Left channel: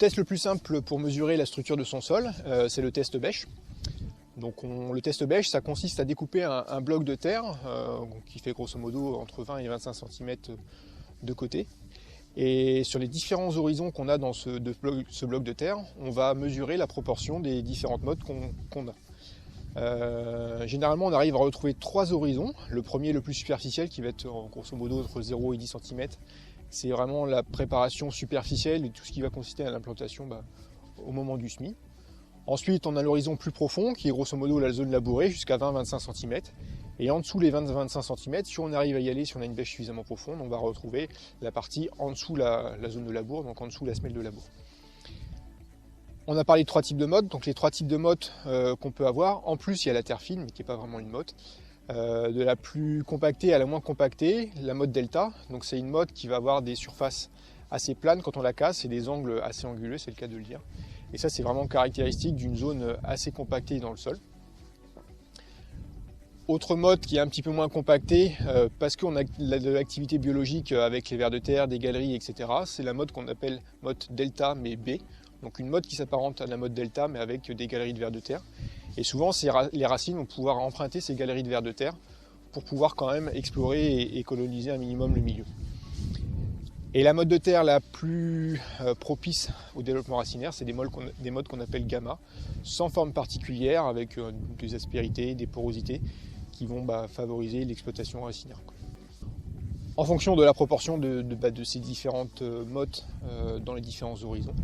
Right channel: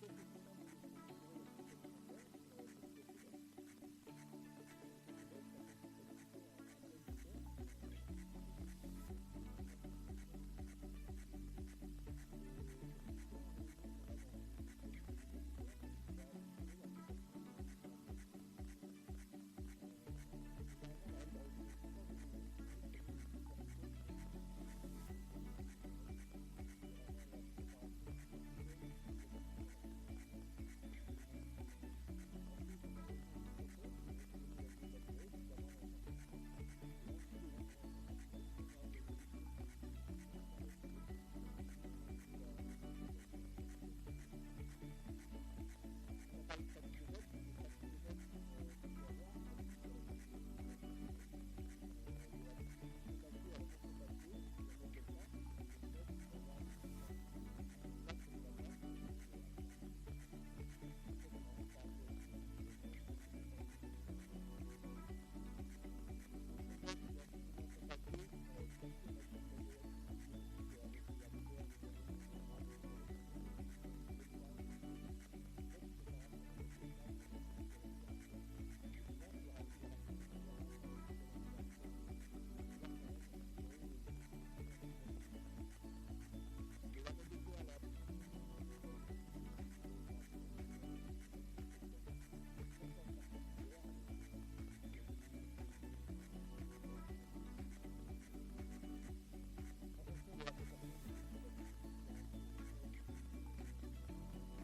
test le plus simple pour mesurer la structure de son sol, c'est le test bêche. Donc le test bêche, ça consiste à découper un bloc de terre qui fait grosso modo entre 20 et 25 cm de côté. Et sur les différents horizons qu'on a dans ce bloc de terre, on va mesurer la proportion des différentes mottes qu'on a. Généralement, on arrive à retrouver 3 horizons. Le premier, le plus superficiel, qui va être grosso modo entre 0 et 10 cm. C'est vraiment la préparation superficielle et tout ce qui va consister à l'implantation au moment du semis. Ensuite, on a l'horizon plus profond, qui est grosso modo la zone labourée, jusqu'à 20-25 cm. Et en dessous les 20-25 cm, si on arrive à y aller, si on a une bêche suffisamment profonde, on va retrouver la partie en dessous la zone de labour, donc en dessous la semelle de labour. On a parlé de 3 types de mottes, donc les 3 types de mottes qu'on peut avoir. En plus, il y a la terre fine, mais qui n'est pas vraiment une motte. De la plus compactée à la moins compactée, la motte delta. Donc c'est une motte qui va avoir des surfaces assez planes quand on la casse et des angles assez anguleux, c'est le cas de le dire. Et ça, c'est vraiment caractéristique d'une zone assez compactée dans le sol. Autre motte qui est un petit peu moins compactée, parce qu'on a de l'activité biologique avec les vers de terre, des galeries, etc. C'est la motte qu'on appelle motte delta, mais B. Donc une motte qui s'apparente à la motte delta, mais avec des galeries de vers de terre. Et souvent, les racines vont pouvoir emprunter ces galeries de vers de terre pour pouvoir quand même explorer et coloniser un minimum le milieu. Et la motte de terre la plus propice au développement racinaire, c'est des mottes qu'on appelle gamma, sans forme particulière, avec des aspérités, des porosités, qui vont favoriser l'exploitation racinaire. En fonction de la proportion de ces différentes mottes dans les différents horizons,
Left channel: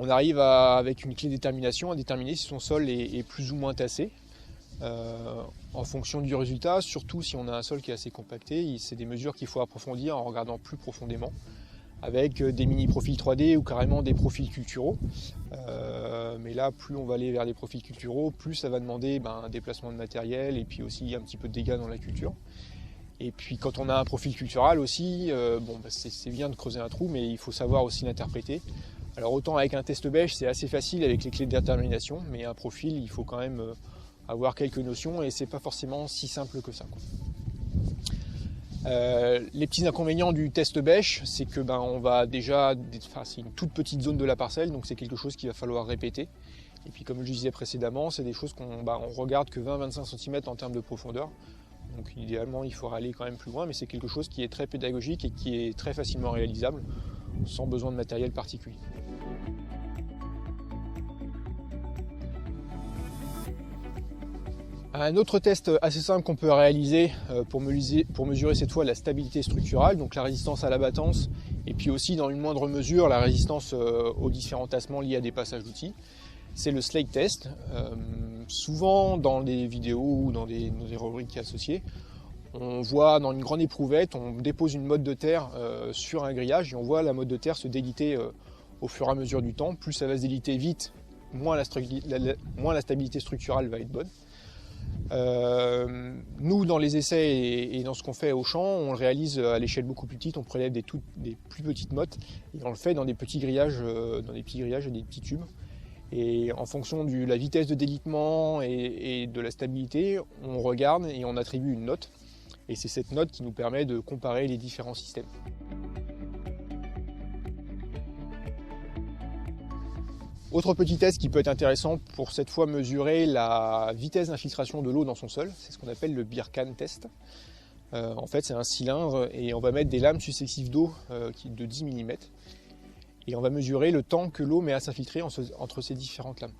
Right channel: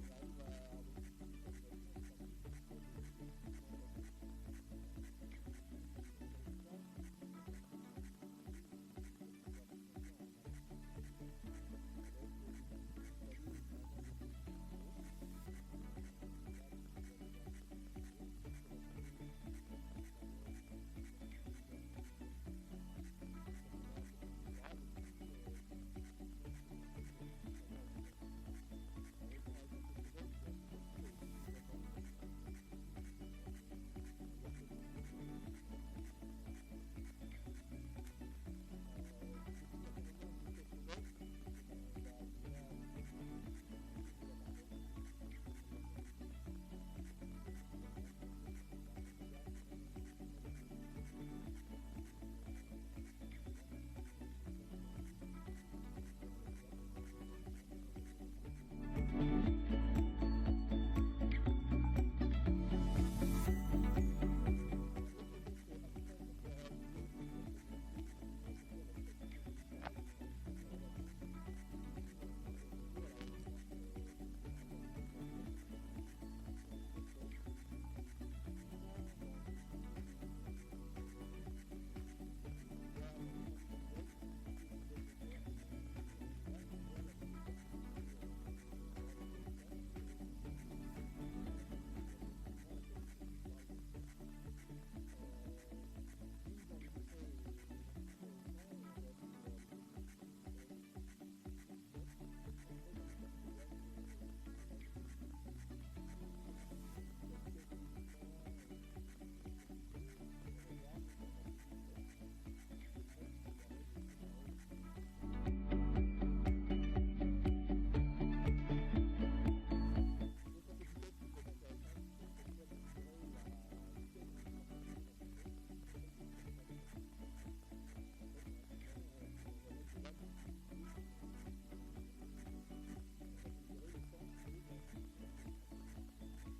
on arrive avec une clé de détermination à déterminer si son sol est plus ou moins tassé. En fonction du résultat, surtout si on a un sol qui est assez compacté, c'est des mesures qu'il faut approfondir en regardant plus profondément, avec des mini-profils 3D ou carrément des profils culturaux. Mais là, plus on va aller vers des profils culturaux, plus ça va demander un déplacement de matériel et puis aussi un petit peu de dégâts dans la culture. Et puis quand on a un profil cultural aussi, c'est bien de creuser un trou, mais il faut savoir aussi l'interpréter. Alors autant avec un test bêche, c'est assez facile avec les clés de détermination, mais un profil, il faut quand même avoir quelques notions et c'est pas forcément si simple que ça. Les petits inconvénients du test bêche, c'est que c'est une toute petite zone de la parcelle, donc c'est quelque chose qu'il va falloir répéter. Et puis comme je disais précédemment, c'est des choses qu'on regarde que 20-25 cm en termes de profondeur. Donc idéalement, il faudra aller quand même plus loin, mais c'est quelque chose qui est très pédagogique et qui est très facilement réalisable, sans besoin de matériel particulier. Un autre test assez simple qu'on peut réaliser pour mesurer cette fois la stabilité structurale, donc la résistance à l'abattance, et puis aussi dans une moindre mesure la résistance aux différents tassements liés à des passages d'outils, c'est le slate test. Souvent dans des vidéos ou dans des rubriques associées, on voit dans une grande éprouvette, on dépose une motte de terre sur un grillage et on voit la motte de terre se déliter au fur et à mesure du temps. Plus ça va se déliter vite, moins la stabilité structurale va être bonne. Nous, dans les essais et dans ce qu'on fait au champ, on le réalise à l'échelle beaucoup plus petite, on prélève des plus petites mottes et on le fait dans des petits grillages, et des petits tubes. Et en fonction de la vitesse de délitement et de la stabilité, on regarde et on attribue une note. Et c'est cette note qui nous permet de comparer les différents systèmes. Autre petit test qui peut être intéressant pour cette fois mesurer la vitesse d'infiltration de l'eau dans son sol, c'est ce qu'on appelle le Birkan test. En fait, c'est un cylindre et on va mettre des lames successives d'eau de 10 mm. Et on va mesurer le temps que l'eau met à s'infiltrer entre ces différentes lames.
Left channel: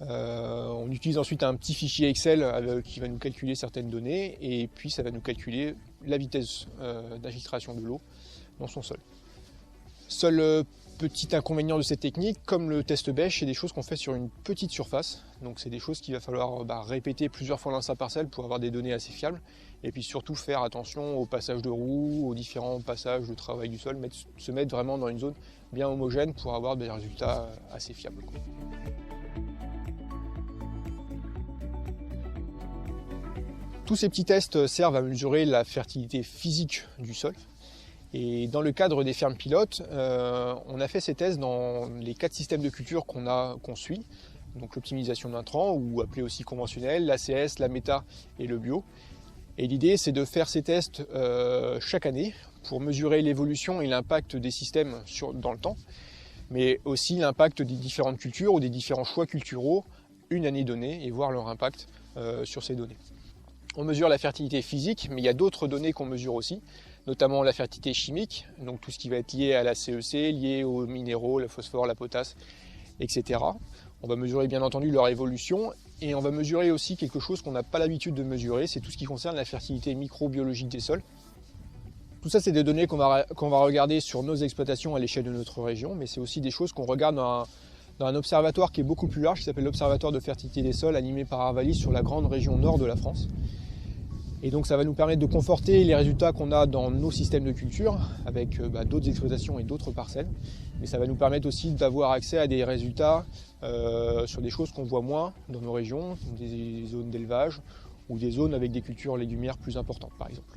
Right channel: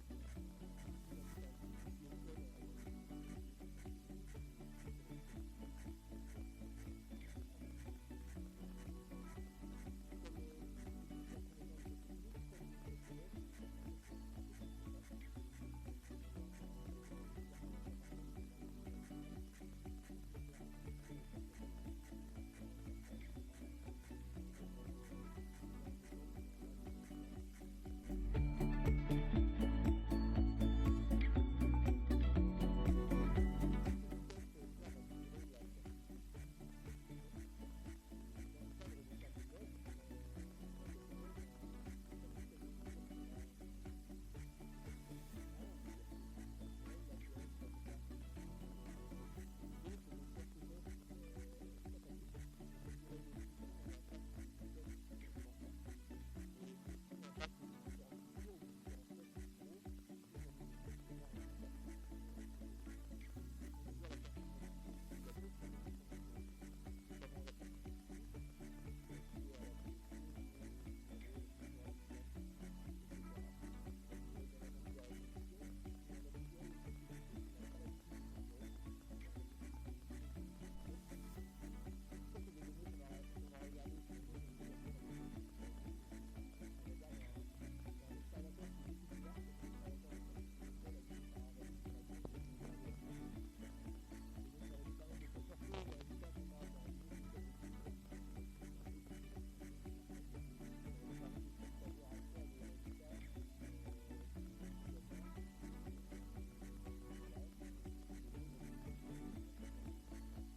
On utilise ensuite un petit fichier Excel qui va nous calculer certaines données et puis ça va nous calculer la vitesse d'infiltration de l'eau dans son sol. Seul petit inconvénient de cette technique, comme le test bêche, c'est des choses qu'on fait sur une petite surface. Donc c'est des choses qu'il va falloir répéter plusieurs fois dans sa parcelle pour avoir des données assez fiables. Et puis surtout faire attention au passage de roues, aux différents passages de travail du sol, se mettre vraiment dans une zone bien homogène pour avoir des résultats assez fiables. Tous ces petits tests servent à mesurer la fertilité physique du sol. Et dans le cadre des fermes pilotes, on a fait ces tests dans les 4 systèmes de culture qu'on suit. Donc l'optimisation d'intrants, ou appelé aussi conventionnel, l'ACS, la méta et le bio. Et l'idée, c'est de faire ces tests chaque année pour mesurer l'évolution et l'impact des systèmes dans le temps. mais aussi l'impact des différentes cultures ou des différents choix culturaux une année donnée et voir leur impact sur ces données. On mesure la fertilité physique, mais il y a d'autres données qu'on mesure aussi, notamment la fertilité chimique, donc tout ce qui va être lié à la CEC, lié aux minéraux, le phosphore, la potasse, etc. On va mesurer bien entendu leur évolution et on va mesurer aussi quelque chose qu'on n'a pas l'habitude de mesurer, c'est tout ce qui concerne la fertilité microbiologique des sols. Tout ça, c'est des données qu'on va regarder sur nos exploitations à l'échelle de notre région, mais c'est aussi des choses qu'on regarde dans un observatoire qui est beaucoup plus large, qui s'appelle l'Observatoire de fertilité des sols, animé par Arvalis sur la grande région nord de la France. Et donc ça va nous permettre de conforter les résultats qu'on a dans nos systèmes de culture, avec d'autres exploitations et d'autres parcelles. Mais ça va nous permettre aussi d'avoir accès à des résultats sur des choses qu'on voit moins dans nos régions, des zones d'élevage ou des zones avec des cultures légumières plus importantes par exemple.